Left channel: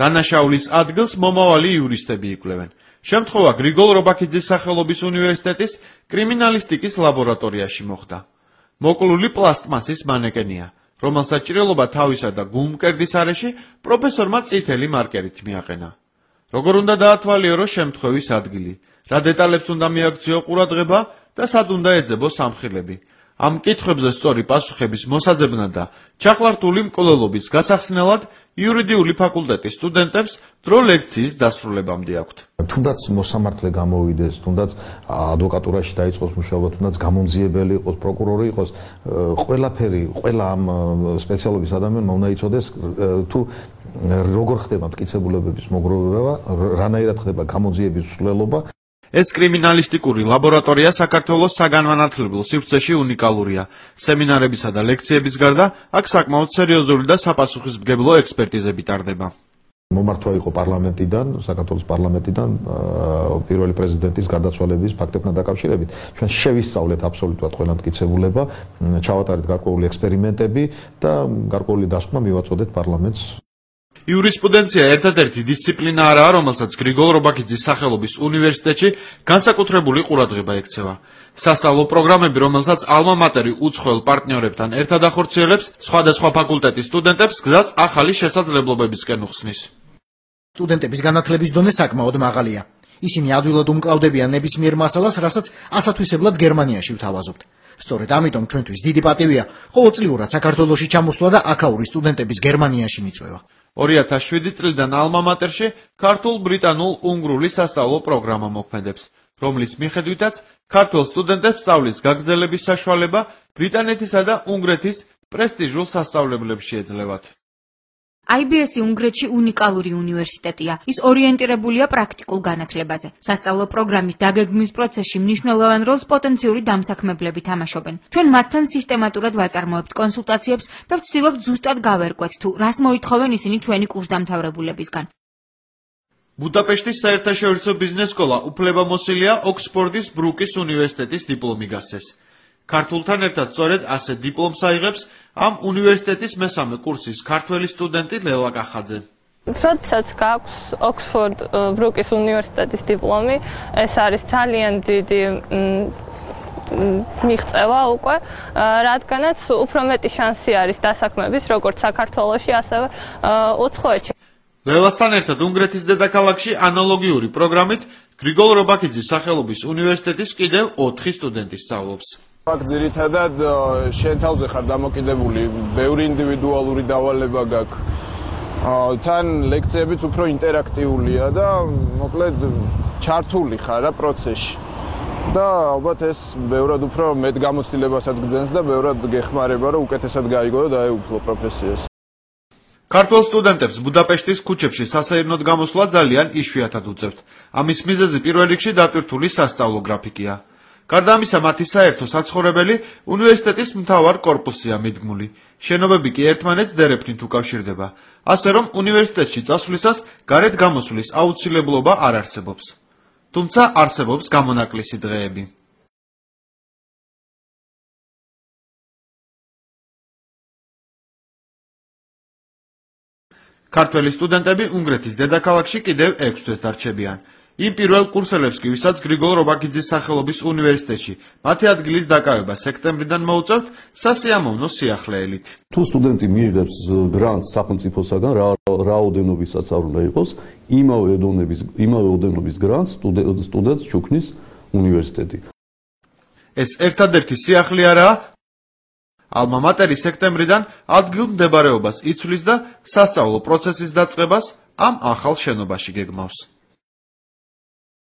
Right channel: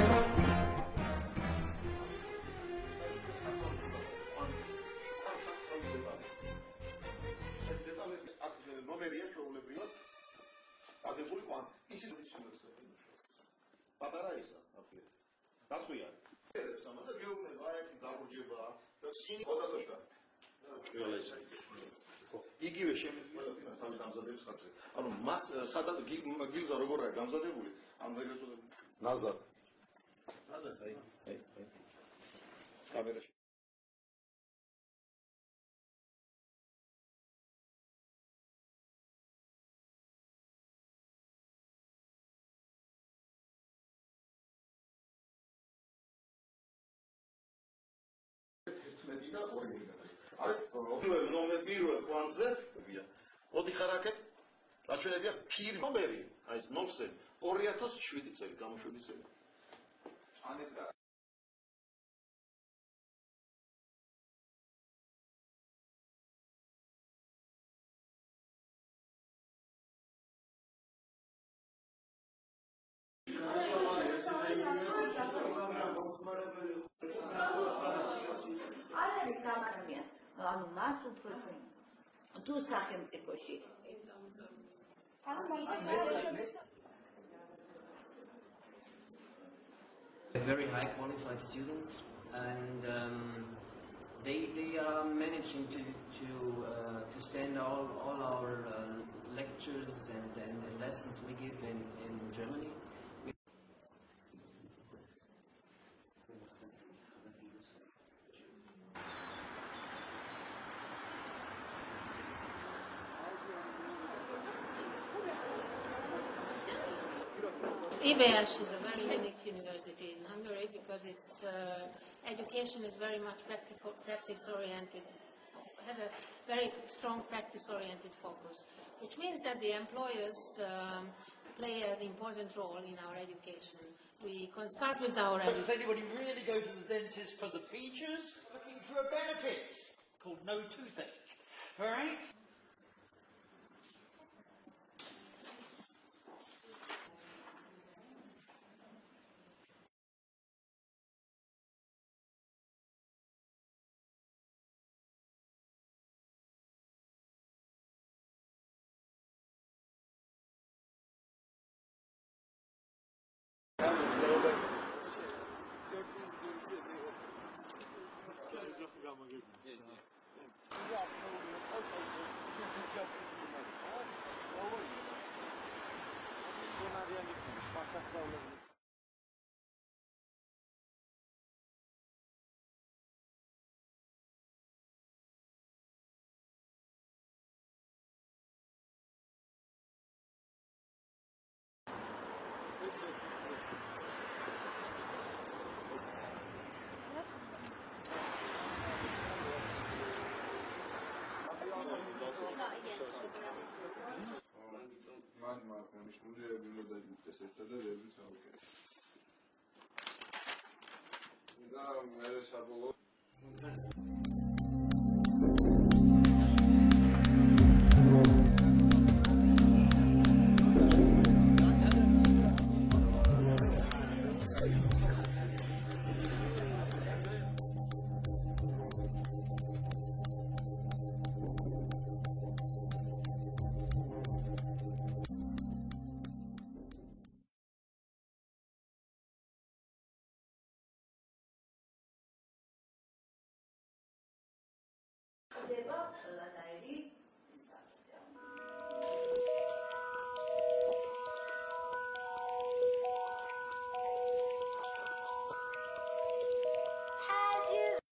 დანაშაულის ადგილს მომავალი იურისტები იკვლევენ. შემთხვევა გრიგოლ რობაქიძის სახელობის უნივერსიტეტის კრიმინალისტიკის ლაბორატორიაში მოხდა. მოკლული პლასტმასის მანეკენია, რომელსაც ჭრილობა თავისა და გულმკერდის არეში პროფესორმა წითელი მარკერით მიაყენა. როგორ უნდა დაათვალიერო შემთხვევის ადგილი, რა დეტალებს უნდა მიაქციო ყურადღება და სად უნდა ეძებოს სამხილები. ამ კითხვებზე სწორი პასუხების მოსაძებნად და ჩახლართული მკვლელობის გასახსნელად იურიდიული ფაკულტეტის სტუდენტებს დრო ლექციის დასრულებამდე აქვთ. თუნდაც მოსამართლე გამოვიდეს, თუნდაც ადვოკატურაში დაიწყოს მუშაობა, თუნდაც გამომძიებელი იყოს, პროკურორი იყოს, ყველაფერი, ყველა ამ სპეციალობის ადამიანმა უნდა იცოდეს თუ როგორ ხდება მტკიცებულებების მოგროვება, რანაირად ხდება გამოძიების მსვლელობა. ეს კრიმინალისტიკური ლაბორატორია საქართველოს საგანმანათლებლო სივრცეში უნიკალურია. სემინარებისა და ლექციების გარდა აქ საკმაოდ სერიოზული და საპასუხისმგებლო ექსპერტიზები ტარდება. მომართვა იყო პარლამენტიდან, საქართველოს პარლამენტიდან პირველი პრეზიდენტის გარდაცვალების ფაქტებთან დაკავშირებით. ჩვენ შევისწავლეთ აბსოლუტურად ყველა მტკიცებულება, ჩავატარეთ გარკვეული ექსპერიმენტები და გარკვეული დასკვნა მივაწოდეთ პარლამენტს. იურისპრუდენცია ერთადერთი დისციპლინაა, რომელსაც გრიგოლ რობაქიძის სახელობის უნივერსიტეტში განსაკუთრებული ყურადღება ექცევა. სასწავლო პროგრამები, რომელსაც ალმა მატერი უცხოელ პარტნიორებთან ერთად ახორციელებს, სხვადასხვა ფაკულტეტის სტუდენტებს გზას ახალი შესაძლებლობებისკენ უხსნის. სტუდენტების განათლების დონე საკმაოდ მაღალია. ისინი ადვილად უმკლავდებიან ნებისმიერ მასალას, რასაც ასათვისებლად გერმანიაში ვთავაზობთ. სწორედ ამიტომ ჩვენთვის დიდი პატივია ყოველწლიურად საქართველოში ჩამოსვლა და აქაური სტუდენტების გერმანიაში მიწვევა. 2007 წლიდან ალმა მატერში ქართულ-ბრიტანულ-უნგრული სასწავლო პროგრამა მოქმედებს, რომლის მიხედვითაც ქართველ სტუდენტებს სწავლის გაგრძელების საშუალება ბრიტანეთისა და უნგრეთის პრესტიჟულ სასწავლებლებში ეძლევათ. IBS-ი უნგრეთში უნიკალური უნივერსიტეტია. ის ორიენტირებულია პრაქტიკულ განათლებაზე. სასწავლო პროგრამის დაგეგმვის პროცესში მნიშვნელოვან როლს პოტენციური დამსაქმებლები თამაშობენ. ჩვენ მათთან სისტემატურად ვაწარმოებთ კონსულტაციებს და ვცდილობთ ზუსტად გავერკვეთ თუ რას მოითხოვენ ისინი ჩვენი კურსდამთავრებულებისგან. ბუდაპეშტის საერთაშორისო ბიზნეს სკოლა უფლებამოსილია ოქსფორდის ბრუკის უნივერსიტეტის დიპლომი გასცეს. ქართულთან ერთად სწორედ ასე დიპლომს აიღებს ამ უნივერსიტეტის მესამე კურსის ქართველი სტუდენტი ლელა კახაძე. როდესაც გაქვს ოქსფორდ ბრუკის უნივერსიტეტის დიპლომი, ეს არის ძალიან დიდი მიღწევა უკვე, რადგანაც უფრო მეტი შანსი არის დასაქმების, როგორც საქართველოში, ასევე უცხოეთში. ლელასთან ერთად უნგრეთის დედაქალაქში ანალოგიური პროგრამით გრიგოლ რობაქიძის სახელობის უნივერსიტეტის კიდევ 4 სტუდენტი სწავლობს. აქ ძირითადად შენ თავზე ხარ დამოკიდებული, ბევრი ინდივიდუალური დავალება გაქვს. თან ლექციებიც უფრო ინტერაქტიულია და მოკლედ ჩართული ხარ რა პროცესში. და ალბათ ეს ბევრად უფრო მეტ გამოცდილებასაც გძენს და ბევრად გეხმარება, რომ უკეთესად გაიგო და დაეუფლო პროფესიას. ქართველ სტუდენტებს ბუდაპეშტის ქუჩებში სასეირნოდ გამოსვლა ძალიან იშვიათად უწევთ. ამის მიზეზი პირველ რიგში დატვირთული სასწავლო გრაფიკია. გარდა ამისა, მათი საერთო საცხოვრებელი უნივერსიტეტის მთავარ კორპუსზეა მიდგმული. შენობები კი ერთმანეთს დერეფნით უკავშირდება. ასე რომ უნივერსიტეტში წასვლისას გარეთ გამოსვლის აუცილებლობა არ არსებობს. თუმცა არსებობს გამონაკლისი დღეები. ქართველი სტუდენტები უნგრეთის დედაქალაქში კიდევ 6 თვეს დარჩებიან. იმ პირველ კურსელებს კი, ვისაც გრიგოლ რობაქიძის სახელობის უნივერსიტეტში მათი ადგილის დაკავება სექტემბრიდან მოუწევთ, სასიამოვნო სიახლეელით. თუ სტუდენტი მიიღებს გრანტს სახელმწიფოსაგან, რაოდენობისაც არ უნდა იყოს, იმავე ოდენობის გრანტს სტუდენტს ჩუქნის უნივერსიტეტი. ეს ერთადერთი სიახლე არაა. ალმა მატერი სექტემბრიდან ადგილ მდებარეობას იცვლის და სასწავლო პროცესის დაწყებას ამ ახალ შენობაში გეგმავს.